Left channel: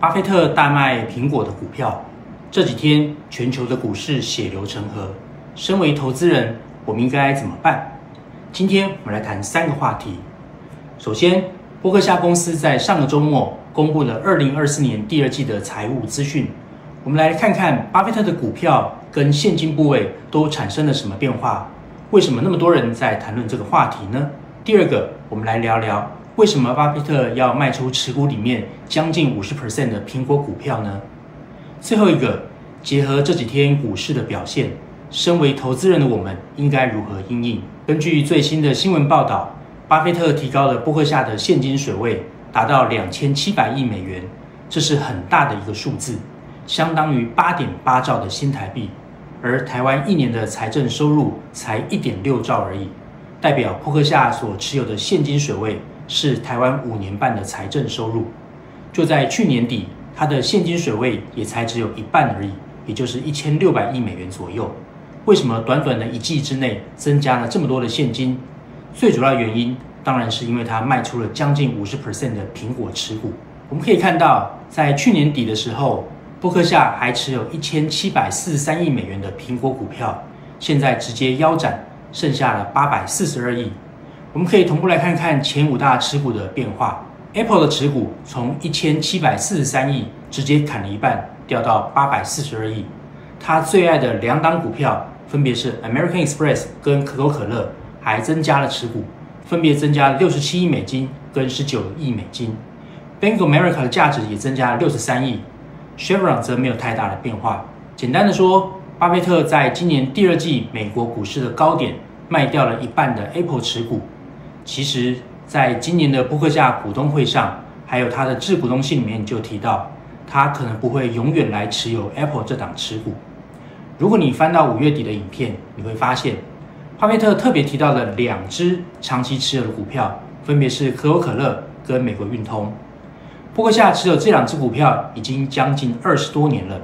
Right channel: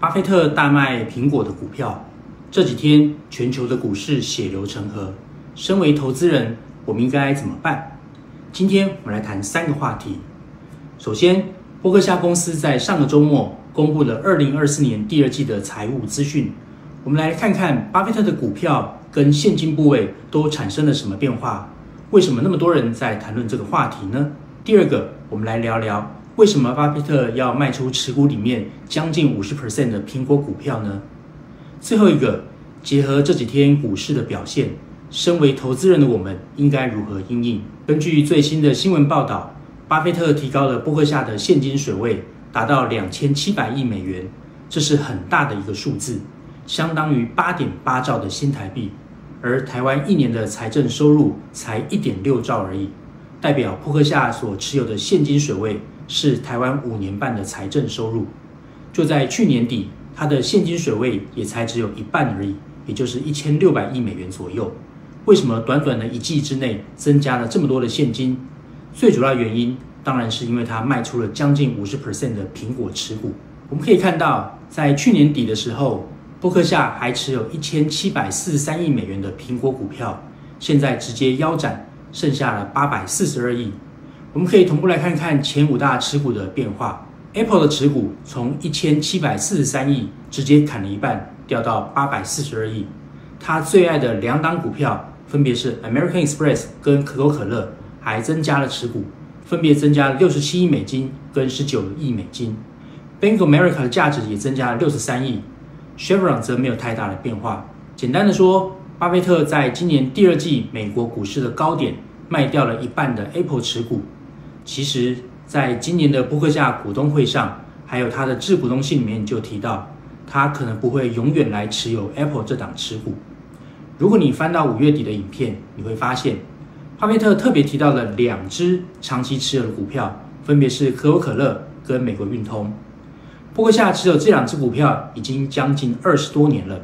巴菲特大卖苹果的股票，这几天全球的股市血流成河。身为投资人，我们应该怎么办？今天我们来谈3个话题。首先，波克夏公司在上个周末公布了2024年第2季的财务资讯。我们来看看巴菲特的股票跟现金部位都产生了什么变化？为什么那么多人在谈论这个话题呢？第二个，我们来聊聊为什么巴菲特要卖出持股里面将近50% 的苹果股票呢？最后一个，结合这几天股市的表现，身为投资人的我们应该如何因应？根据最新的新闻报道，巴菲特提高了波克夏的现金水位，达到2700亿美元，这是很大的一个数字，相当于8.8兆的新台币。而台湾1年的财政收入才1.6兆而已，代表波克夏所持有的现金水位是台湾5年半的财政收入。就在去年底，它的现金水位也才只有一半而已，也就是1600亿美元左右。为什么短短的1季之内增加了这么多的现金？最主要原因当然是因为它卖出了将近50% 的苹果持股。我们可以看到，在去年底的时候，波克夏还持有1743亿美元的苹果股票，现在直接腰斩，剩下了842亿。我们可以同步来看看前5大持股的变化。Apple 的持股从1743亿直接砍了一半，掉到842亿。他最爱的2档股票分别是 American Express 跟可口可乐，还增加了持股，分别增加了67亿美金跟19亿美金。Bank of America 的价值也增加了63亿。Chevron 则没有太大的变化。简单的说，巴菲特在今年第2季美国股市的高点卖掉了一半的 Apple 持股。其实，在今年的波克夏股东会上，还有他的致股东信里面就提到，他可能不会永远来持有 Apple 这档持股。如果你翻到5月底的影片，你会发现，巴菲特特别提到了2只长期持有的股票，分别是可口可乐跟美国运通。波克夏持有这2只股票已经将近20多年了。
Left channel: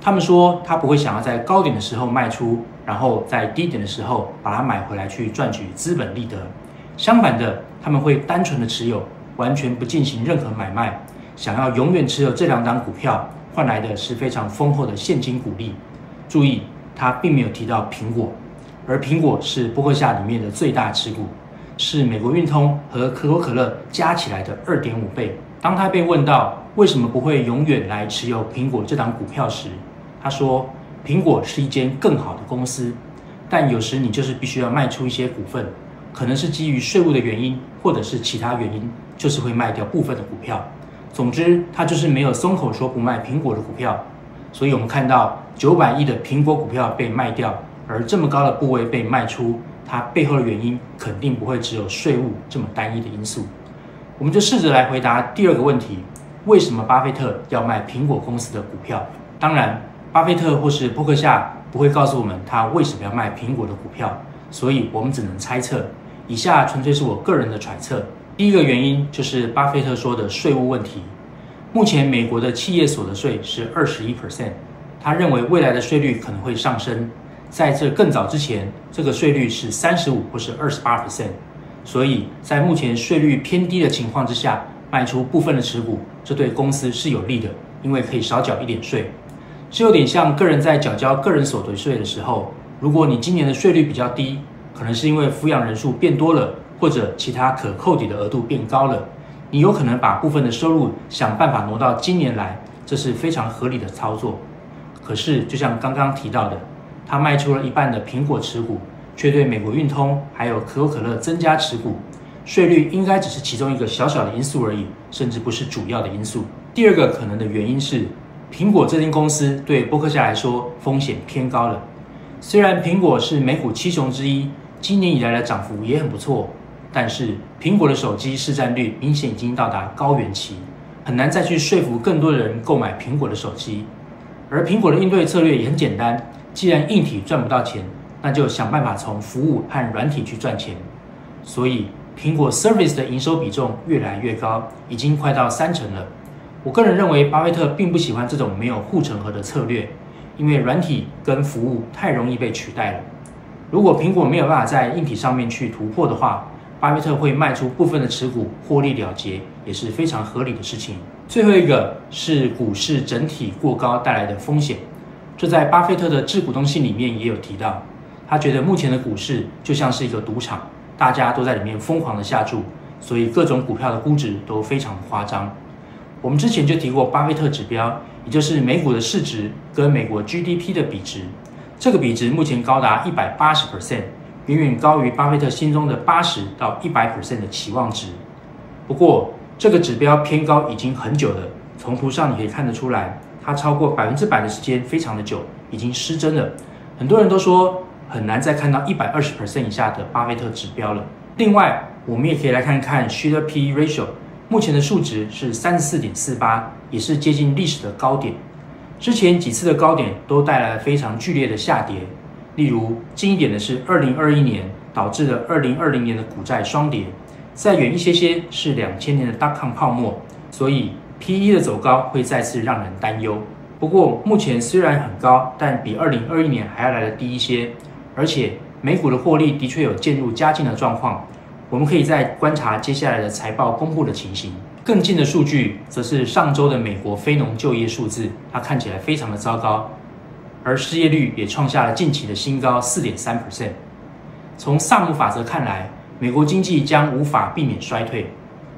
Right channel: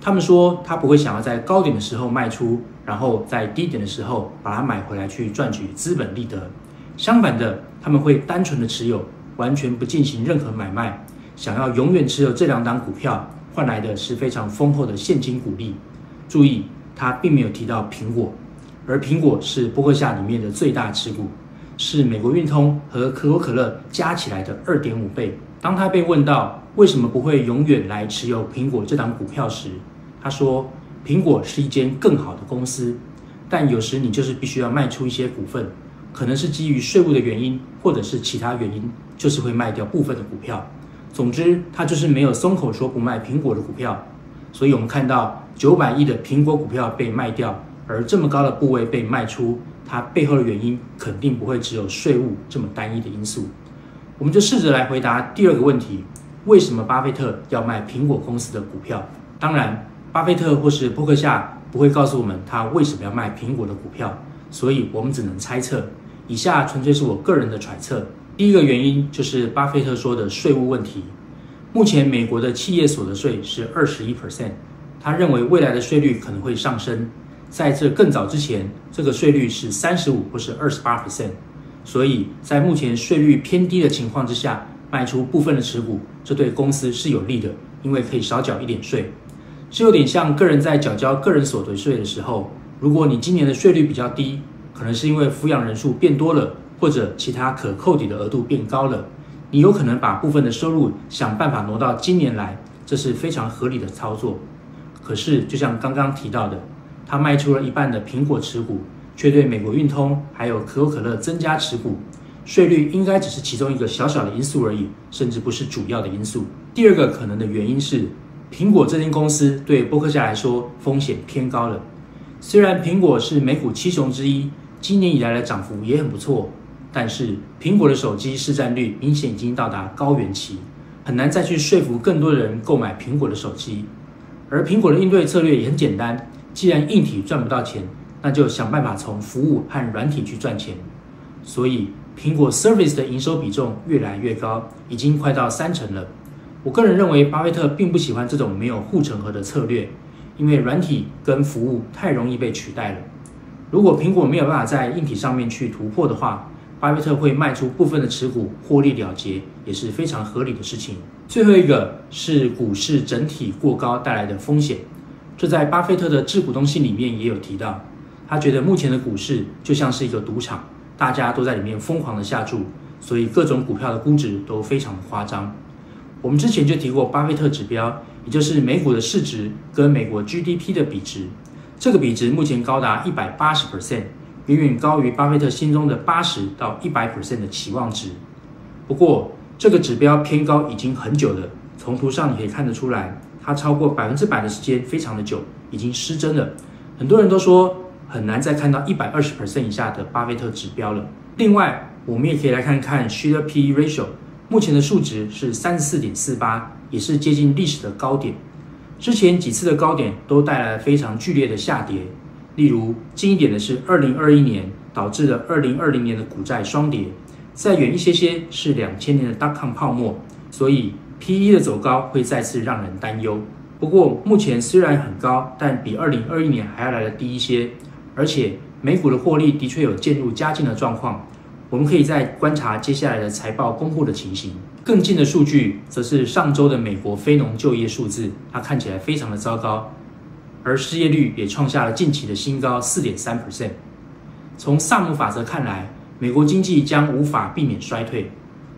他们说他不会想要在高点的时候卖出，然后在低点的时候把它买回来去赚取资本利得。相反的，他们会单纯的持有，完全不进行任何买卖，想要永远持有这2档股票，换来的是非常丰厚的现金股利。注意，他并没有提到苹果，而苹果是波克夏里面的最大持股，是美国运通和可口可乐加起来的2.5倍。当他被问到为什么不会永远来持有苹果这档股票时，他说，苹果是一间更好的公司，但有时你就是必须要卖出一些股份，可能是基于税务的原因，或者是其他原因，就是会卖掉部分的股票。总之，他就是没有松口说不卖苹果的股票。所以我们看到900亿的苹果股票被卖掉，而这么高的部位被卖出，它背后的原因肯定不会只有税务这么单一的因素。我们就试着来回答第2个问题，为什么巴菲特要卖苹果公司的股票？当然，巴菲特或是波克夏不会告诉我们他为什么要卖苹果的股票，所以我们只能猜测。以下纯粹是我个人的揣测。第一个原因就是巴菲特说的税务问题。目前美国的企业所得税是21%，他认为未来的税率可能会上升。在这更早之前，这个税率是35%或是28%。所以在目前税率偏低的情况之下，卖出部分的持股，这对公司是有利的，因为可以少缴一点税。这有点像个人在缴交个人所得税的时候，如果你今年的税率比较低，可能是因为抚养人数变多了，或者其他可扣抵的额度变高了，你有可能把部分的收入想办法挪到今年来，这是非常合理的操作。可是就像刚刚提到的，他卖出了一半的苹果持股，却对美国运通还有可口可乐增加持股，税率应该只是其中一个小小的因素而已，甚至不是主要的因素。第2个可能的原因是，苹果这间公司对波克夏来说风险偏高了。虽然苹果是美股7雄之一，今年以来的涨幅也很不错，但是苹果的手机市占率明显已经到达高原期，很难再去说服更多的人购买苹果的手机。而苹果的应对策略也很简单，既然硬体赚不到钱，那就想办法从服务和软体去赚钱。所以苹果 Service 的营收比重越来越高，已经快到30%了。我个人认为巴菲特并不喜欢这种没有护城河的策略，因为软体跟服务太容易被取代了。如果苹果没有办法在硬体上面去突破的话，巴菲特会卖出部分的持股获利了结，也是非常合理的事情。最后一个是股市整体过高带来的风险，这在巴菲特的致股东信里面也有提到。他觉得目前的股市就像是一个赌场，大家都在里面疯狂的下注，所以各种股票的估值都非常的夸张。我们之前就提过巴菲特指标，也就是美股的市值跟美国 GDP 的比值，这个比值目前高达 180%， 远远高于巴菲特心中的80到100% 的期望值。不过这个指标偏高已经很久了，从图上你可以看得出来，它超过100%的时间非常的久，已经失真了。很多人都说很难再看到120% 以下的巴菲特指标了。另外，我们也可以来看看 Shiller P/E ratio， 目前的数值是 34.48， 也是接近历史的高点。之前几次的高点都带来了非常剧烈的下跌，例如近一点的是2021年导致了2020年的股债双跌，再远一些是2000年的 .com 泡沫，所以 P/E 的走高会再次让人担忧。不过目前虽然很高，但比2021年还要来得低一些，而且美股的获利的确有渐入佳境的状况。我们可以再观察接下来的财报公布的情形。更近的数据则是上周的美国非农就业数字，它看起来非常的糟糕，而失业率也创下了近期的新高 4.3%。 从萨姆法则看来，美国经济将无法避免衰退，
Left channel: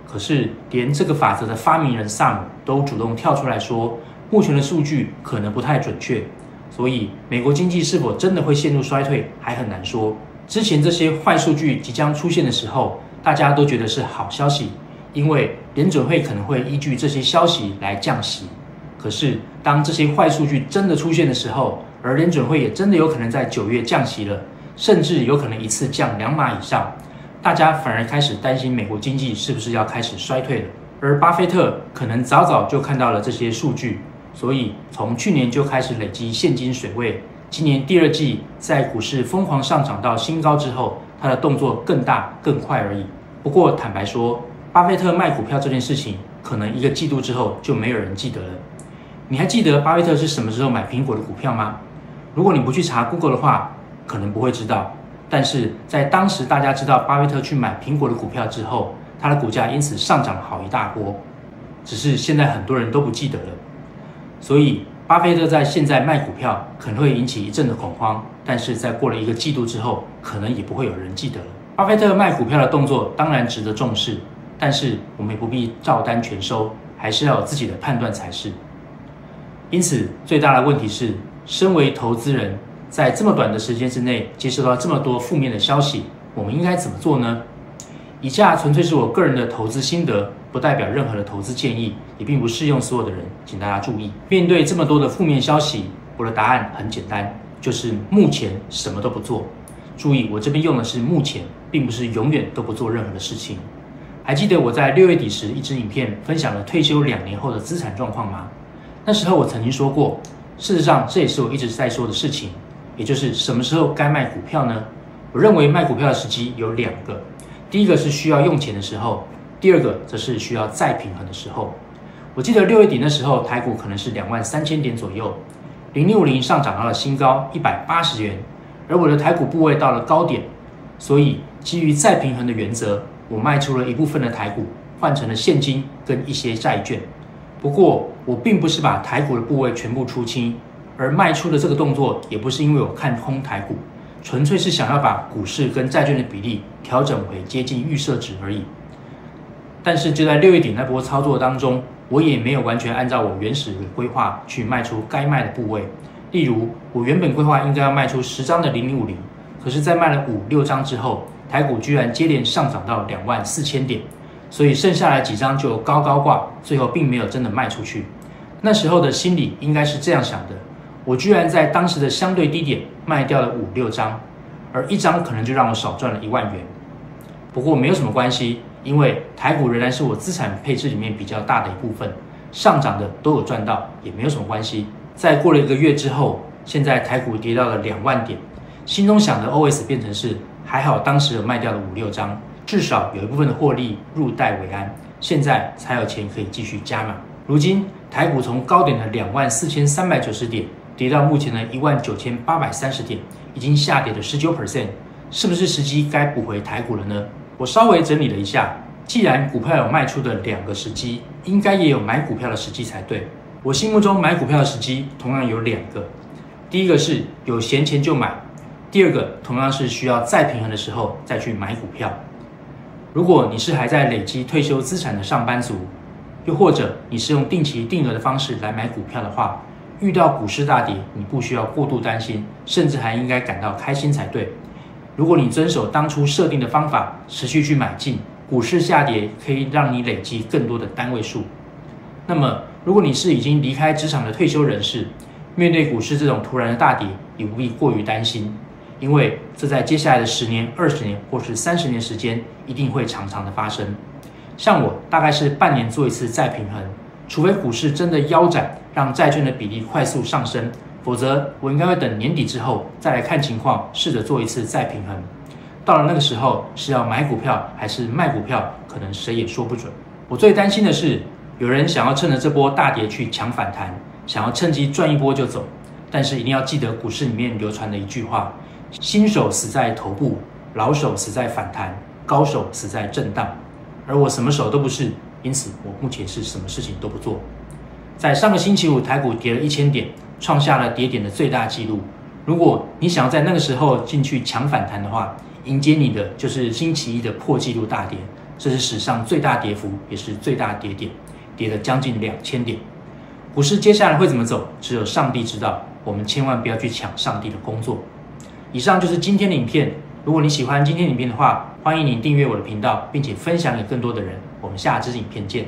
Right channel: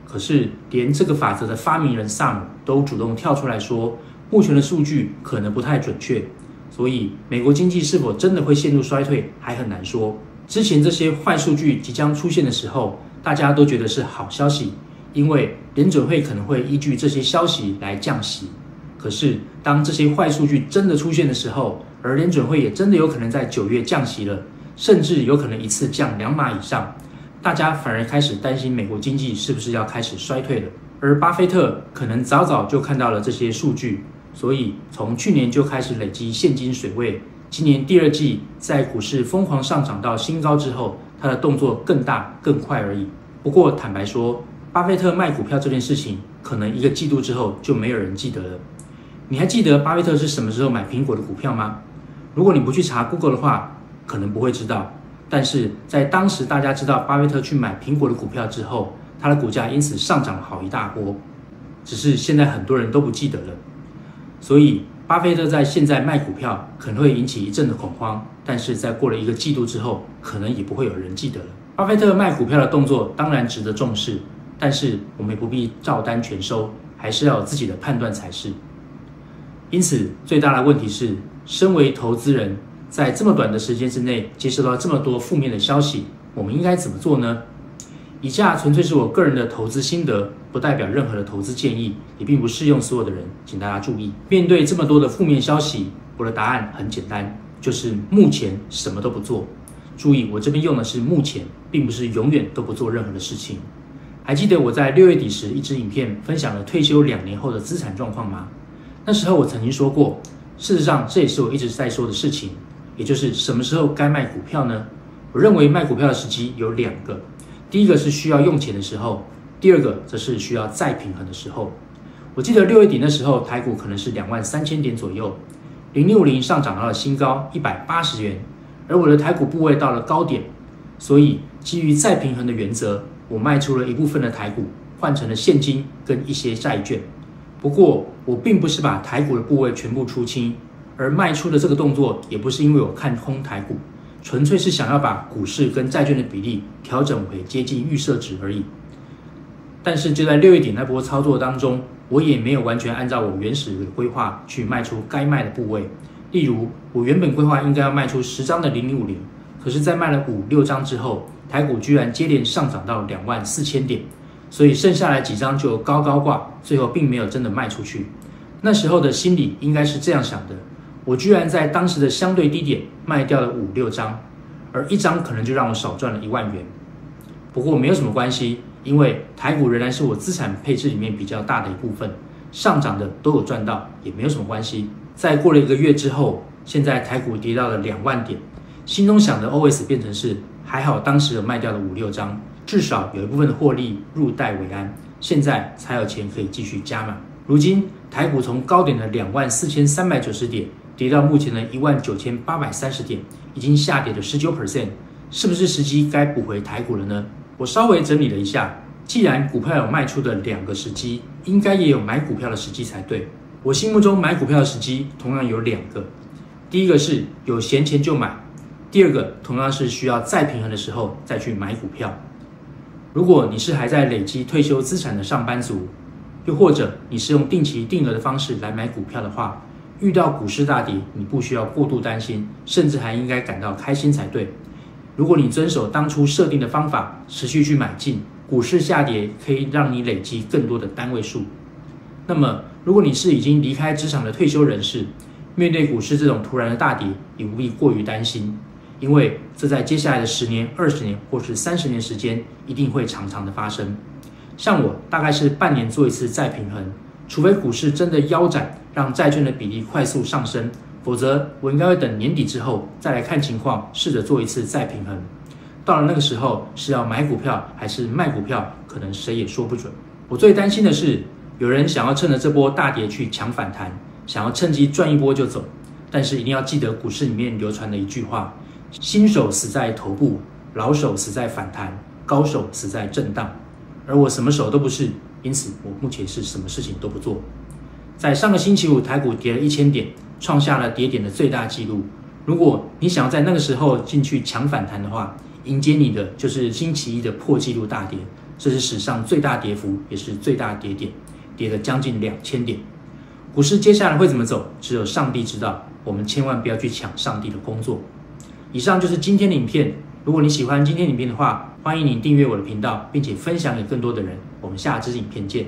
可是连这个法则的发明人萨姆都主动跳出来说，目前的数据可能不太准确，所以美国经济是否真的会陷入衰退还很难说。之前这些坏数据即将出现的时候，大家都觉得是好消息，因为联准会可能会依据这些消息来降息。可是当这些坏数据真的出现的时候，而联准会也真的有可能在9月降息了，甚至有可能一次降2码以上，大家反而开始担心美国经济是不是要开始衰退了。而巴菲特可能早早就看到了这些数据，所以从去年就开始累积现金水位。今年第2季在股市疯狂上涨到新高之后，他的动作更大更快而已。不过坦白说，巴菲特卖股票这件事情，可能1个季度之后就没有人记得了。你还记得巴菲特是什么时候买苹果的股票吗？如果你不去查 Google 的话，可能不会知道。但是在当时大家知道巴菲特去买苹果的股票之后，他的股价因此上涨了好一大波。只是现在很多人都不记得了。所以巴菲特在现在卖股票可能会引起一阵的恐慌，但是在过了1个季度之后，可能也不会有人记得了。巴菲特卖股票的动作当然值得重视，但是我们也不必照单全收，还是要有自己的判断才是。因此最大的问题是，身为投资人，在这么短的时间之内接收到这么多负面的消息，我们应该怎么做呢？以下纯粹是我个人的投资心得，不代表任何的投资建议，也并不适用所有的人，请大家注意。面对这么多的负面消息，我的答案很简单，就是目前什么都不做。注意，我这边用的是目前，并不是永远都不做任何的事情。还记得我在6月底时一支影片分享了退休2年后的资产状况吗？那时候我曾经说过，事实上这也是我一直在说的事情，也就是什么时候该卖股票呢？我认为卖股票的时机有2个，第一个是需要用钱的时候，第2个则是需要再平衡的时候。我记得6月底那时候台股可能是23000点左右，0650上涨到了新高180元，而我的台股部位到了高点，所以基于再平衡的原则，我卖出了一部分的台股，换成了现金跟一些债券。不过我并不是把台股的部位全部出清，而卖出的这个动作也不是因为我看空台股，纯粹是想要把股市跟债券的比例调整为接近预设值而已。但是就在6月底那波操作当中，我也没有完全按照我原始的规划去卖出该卖的部位。例如我原本规划应该要卖出10张的0050，可是在卖了5、6张之后，台股居然接连上涨到24000点，所以剩下来几张就高高挂，最后并没有真的卖出去。那时候的心理应该是这样想的，我居然在当时的相对低点卖掉了5、6张，而1张可能就让我少赚了1万元。不过没有什么关系，因为台股仍然是我资产配置里面比较大的一部分，上涨的都有赚到，也没有什么关系。再过了1个月之后，现在台股跌到了2万点，心中想的 OS 变成是还好当时有卖掉了5、6张，至少有一部分的获利入袋为安，现在才有钱可以继续加码。如今台股从高点的24390点跌到目前的19830点，已经下跌了19%，是不是时机该补回台股了呢？我稍微整理了一下，既然股票有卖出的2个时机，应该也有买股票的时机才对。我心目中买股票的时机同样有2个，第一个是有闲钱就买，第二个同样是需要再平衡的时候再去买股票。如果你是还在累积退休资产的上班族，又或者你是用定期定额的方式来买股票的话，遇到股市大跌，你不需要过度担心，甚至还应该感到开心才对。如果你遵守当初设定的方法，持续去买进，股市下跌可以让你累积更多的单位数。那么，如果你是已经离开职场的退休人士，面对股市这种突然的大跌，也不必过于担心，因为这在接下来的10年、20年或是30年时间，一定会常常的发生。像我大概是半年做一次再平衡，除非股市真的腰斩，让债券的比例快速上升，否则我应该会等年底之后再来看情况，试着做一次再平衡。到了那个时候，是要买股票还是卖股票，可能谁也说不准。我最担心的是，有人想要趁着这波大跌去抢反弹，想要趁机赚一波就走。但是一定要记得股市里面流传的一句话：新手死在头部，老手死在反弹，高手死在震荡。而我什么手都不是，因此我目前是什么事情都不做。在上个星期五，台股跌了1000点，创下了跌点的最大纪录。如果你想要在那个时候进去抢反弹的话，迎接你的就是星期一的破纪录大跌，这是史上最大跌幅，也是最大跌点，跌了将近2000点。股市接下来会怎么走，只有上帝知道，我们千万不要去抢上帝的工作。以上就是今天的影片，如果你喜欢今天的影片的话，欢迎你订阅我的频道，并且分享给更多的人。我们下支影片见。